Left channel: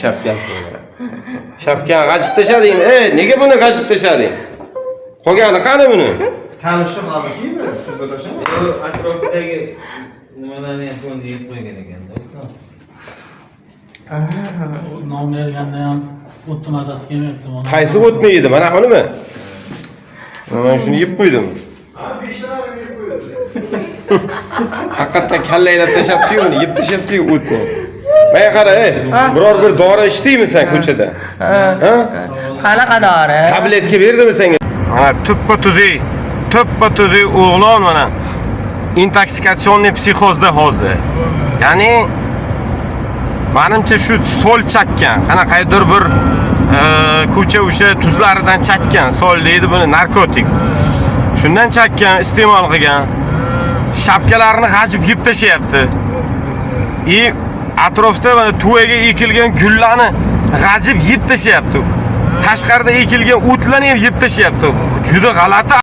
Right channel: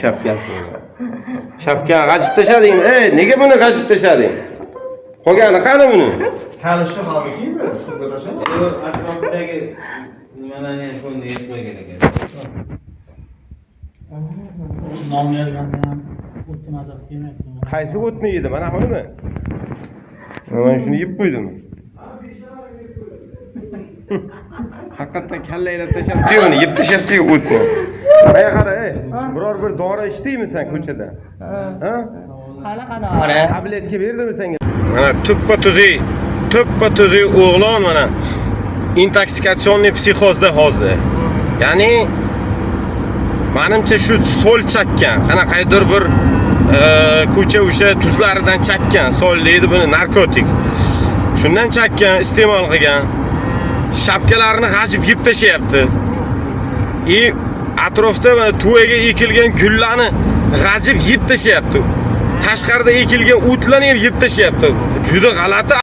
shapkasini. Shapkani g'ajib tashlading. Nega buni g'ajib tashlading? Qolgani qani buni? Kalishni mabikimi? Sizga tashlama. Bu atrofidagi nimalarni ham ko'ndi yeb qo'ygan ekan. Non berganda ham o'tni mazasi kelmayapti. Qaysi o'tni yedi? Mana bunimi? Men shuni yeb qo'ydim. Haqiqatdan kallaylab tashlabdi-yu buni, yeb tashlabdi-yu o'tni. Ey qara, biror bir dori ichdingmi sen ko'chada? Ha? Qanaqa dori? Tabletga berdimi senga? Mana tuppa tuzi o'g'lon mana intoksikatsionniy psixozda hozir. Ya'ni menimcha shu sol chakkan, qanaqaydir bir ko'cha o'sha tuzlaridan chakkan, sol deydi buni narkotik. Shundan chakkan, iste'mol qilgan. Shapkalarini g'ajib yeb tashlayapti. Atrofda mana tuvaga ekilgan gullarni g'ajib yeb tashlayapti. Tashqarida ekilgan o'tlarni ham yeb tashlayapti. Juda g'alati